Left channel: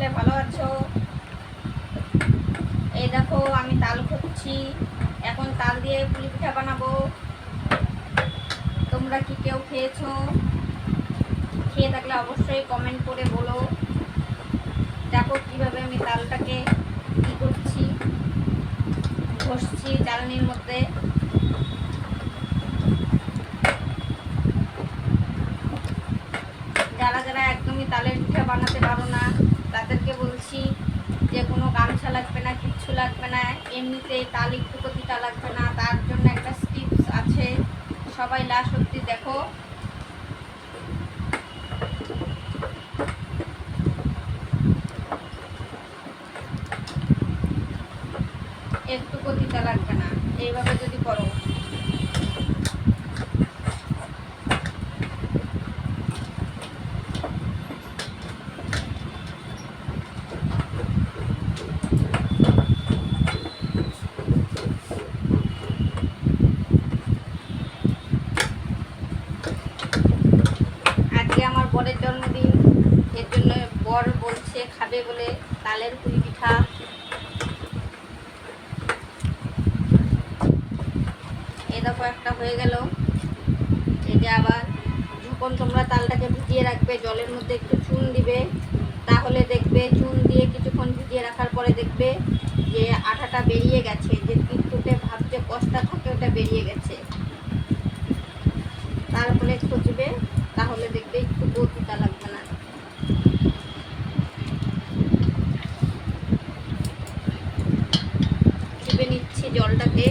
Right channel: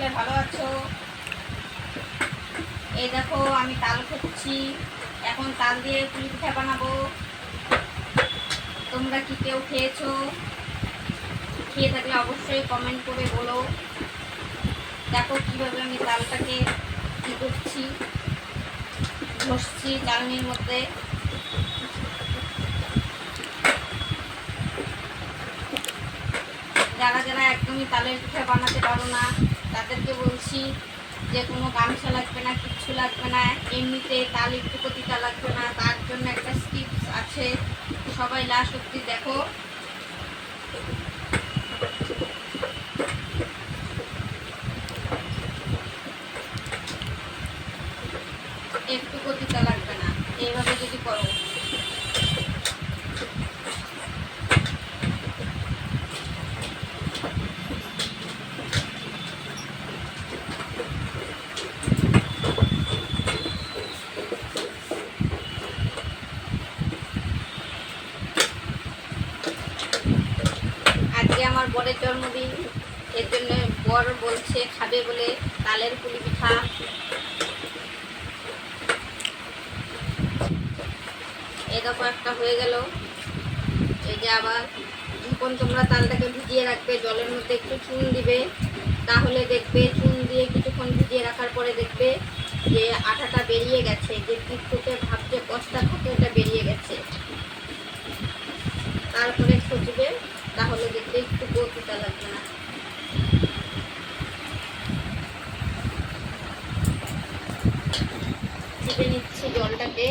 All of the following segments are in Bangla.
সকলে ভালো আছো? এই দেখো আমি তাল খেচ্ছি, এখন তাল দিয়ে পুলি পিঠা বানাবো। তোমরা কি কেউ খেয়েছো? খেয়ে থাকলে অবশ্যই কমেন্ট করে বলো। দেখো কিভাবে আমি তালটাকে কি করছি, ঘষছি চালনির মধ্যে। যারা যারা একদমই তালের পিঠা বানাতে পারো না তাদেরকে বলছি যে কোনো গামছা লাগবে না, কিচ্ছু লাগবে না, এমনিতে তাল একটু তিতা লাগবে না, তার জন্য একটা টিপস আছে। সবাই লাস্ট অব্দি দেখো। একটু তিতা লাগবে না এইভাবে যদি করো। আজকে আমার বরের জন্মদিন, এর জন্য বর বলছে খাবে বলে তালের পুলি পিঠা। এই দেখো একটা হয়ে গেল। এই যে আবার যখন তোমরা তালটাকে ভিজিয়ে রাখবে, জলের মধ্যে একটু চুন দিবে, তাহলে দেখবে চুন দিয়ে কিছুক্ষণ ভিজিয়ে রাখার পরে দেখবে যে আঠাটা বেরিয়ে গেছে, যে টিপটুপে ভাব যে কষ্টটা থাকে ওটা বেরিয়ে গেছে। তারপরে খচবে, তাহলে দেখবে একটু তিতা লাগবে না। চিপে নিচ্ছি জলটাকে।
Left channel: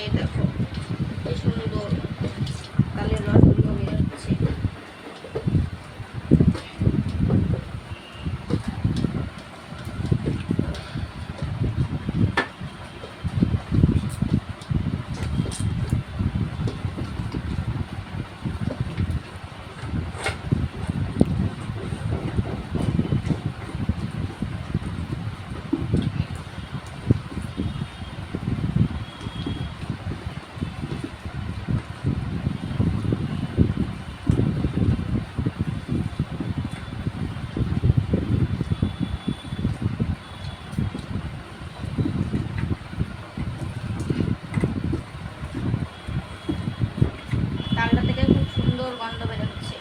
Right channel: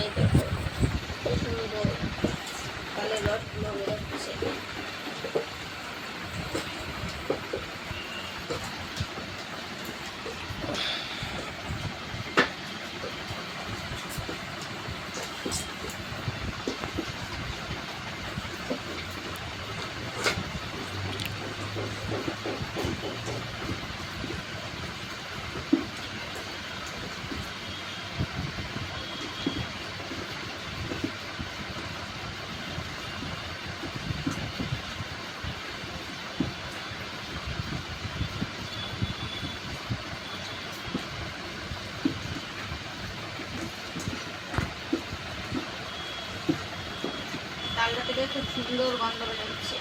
এই দেখো কি সুন্দর তালের রসগুলো বেরোচ্ছে। তালটা থেকে খুব সুন্দর গন্ধ বেরোচ্ছে।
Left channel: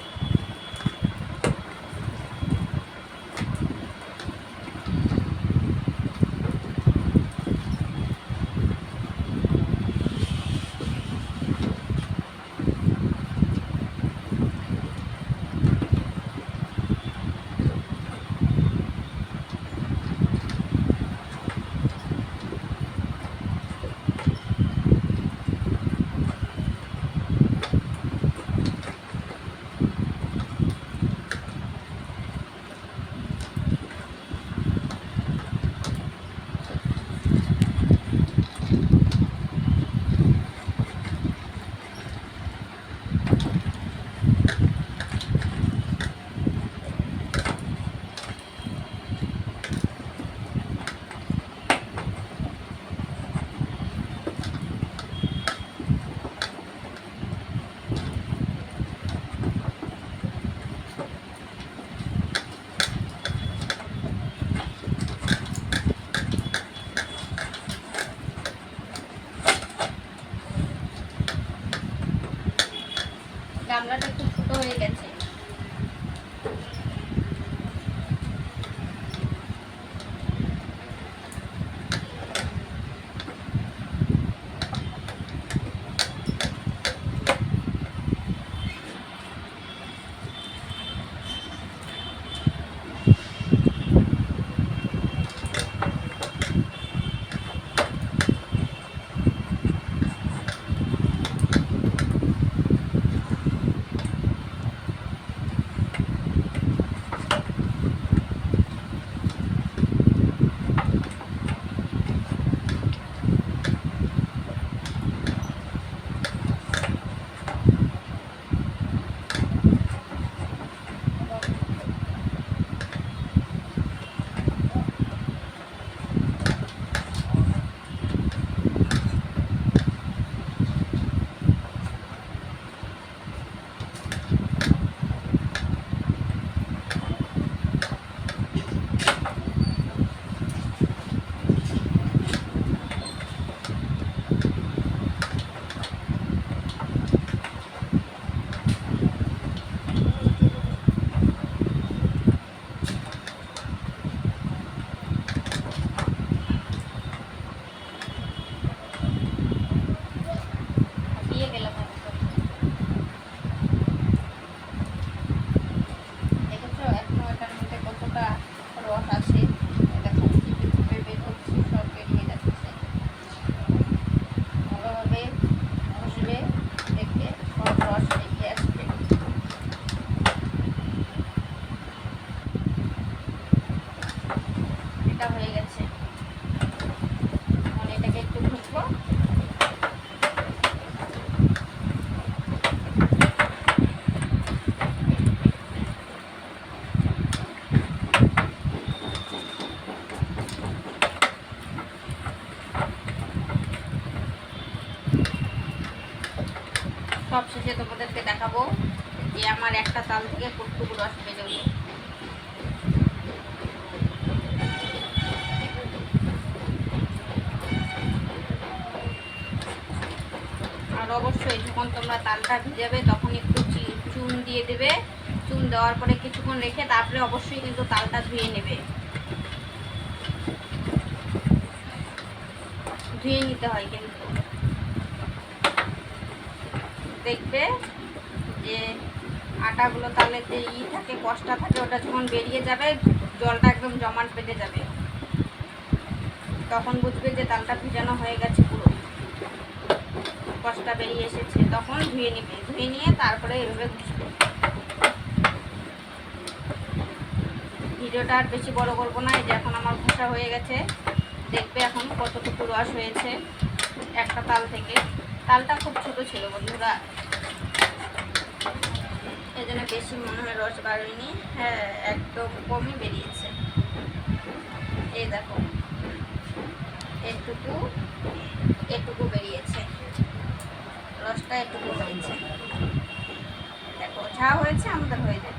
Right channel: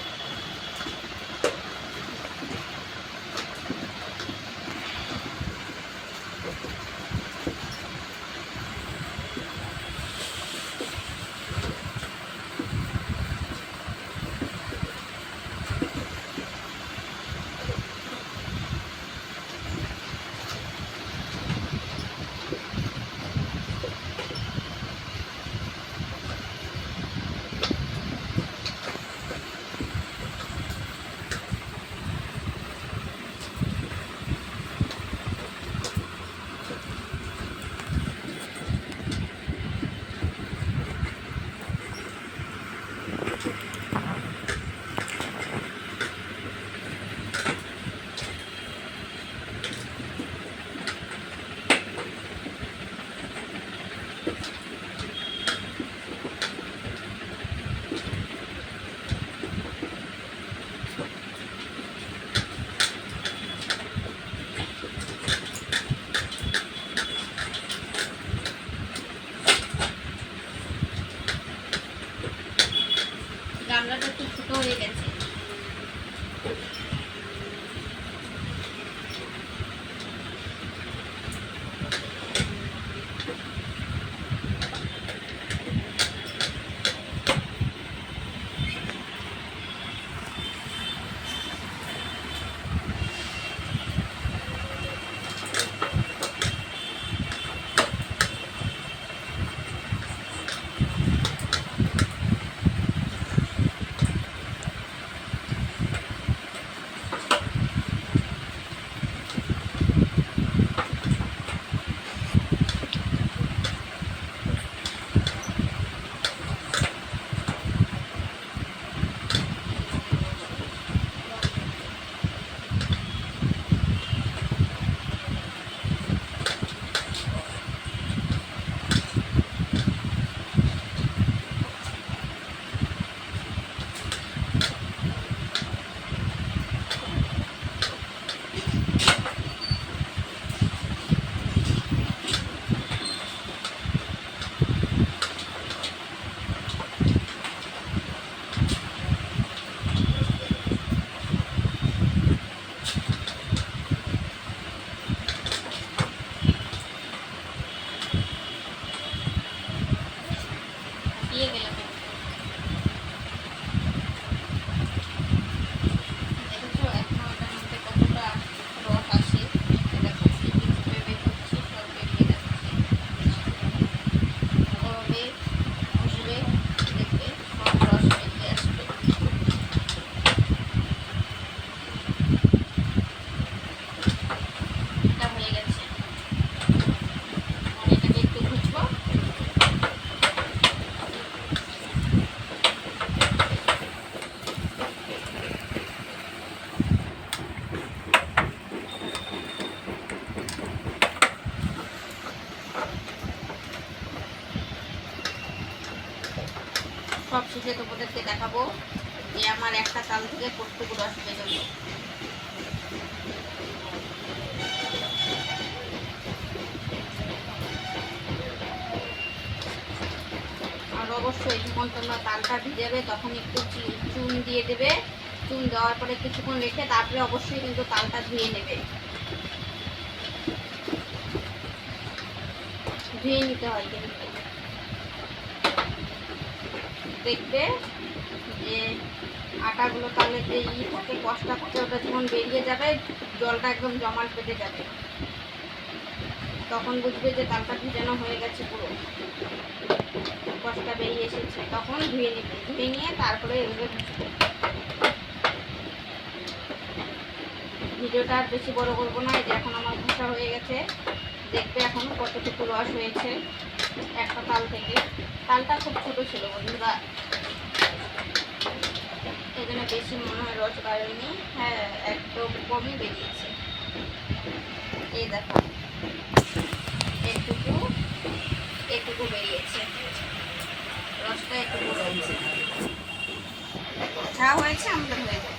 বেরিয়ে গেলাম। দেখেছো এখনো এটার মধ্যে কতটা রস আসে। দেখো চিপে বের করছি, সব বেরিয়ে যাচ্ছে। ভালোভাবে ঘষবে, দেখবে সব রস বেরিয়ে আসবে। এটা হয়ে গেছে। এখন এটাকে একটু ঘষবো। সব শেষে তোমাদেরকে দেখাবো যে আমার একটা তাল থেকে কতটুকু রস বেরোলো। আর অবশ্যই যখন তোমরা তালটা ভিজাবে তখন একটু চুন দিয়ে দেবে। চুন দেওয়ার পরে কিছুক্ষণ রেখে তারপরে অবশ্যই কিন্তু তালটা ধুয়ে নেবে। ধুয়ে নিতে হয় কিন্তু। দেখবে যে আটাগুলো তালে যে থাকে, কষ্টা থাকে, ওটা যখন বেরিয়ে যাবে জলটা একদম জমাট বেঁধে যাবে, তখন বুঝবে যে তালটা ভিজানো হয়ে গেছে, পুরো কষ্টা বেরিয়ে এসেছে। তখন ধুয়ে নেবে, ধুয়ে নিয়ে তারপরে এভাবে ঘষবে। ভিডিওটা আর বেশি বড় করবো না। এই যে এখন আমার ঘষা হয়ে গেছে। দেখবে এখন কতটুকু রস হয়েছে একটা তাল থেকে। তালটা খুব ছোট ছিল বন্ধুরা, এই জন্য বেশি মনে হয় রস বাড়েনি। হ্যাঁ, একদম কমই বেরিয়েছে। এই দেখো এটুকু এটুকু বেরিয়েছে, রসটা এটুকু হয়েছে। দেখো যা হয়েছে আমাদের হয়ে যাবে।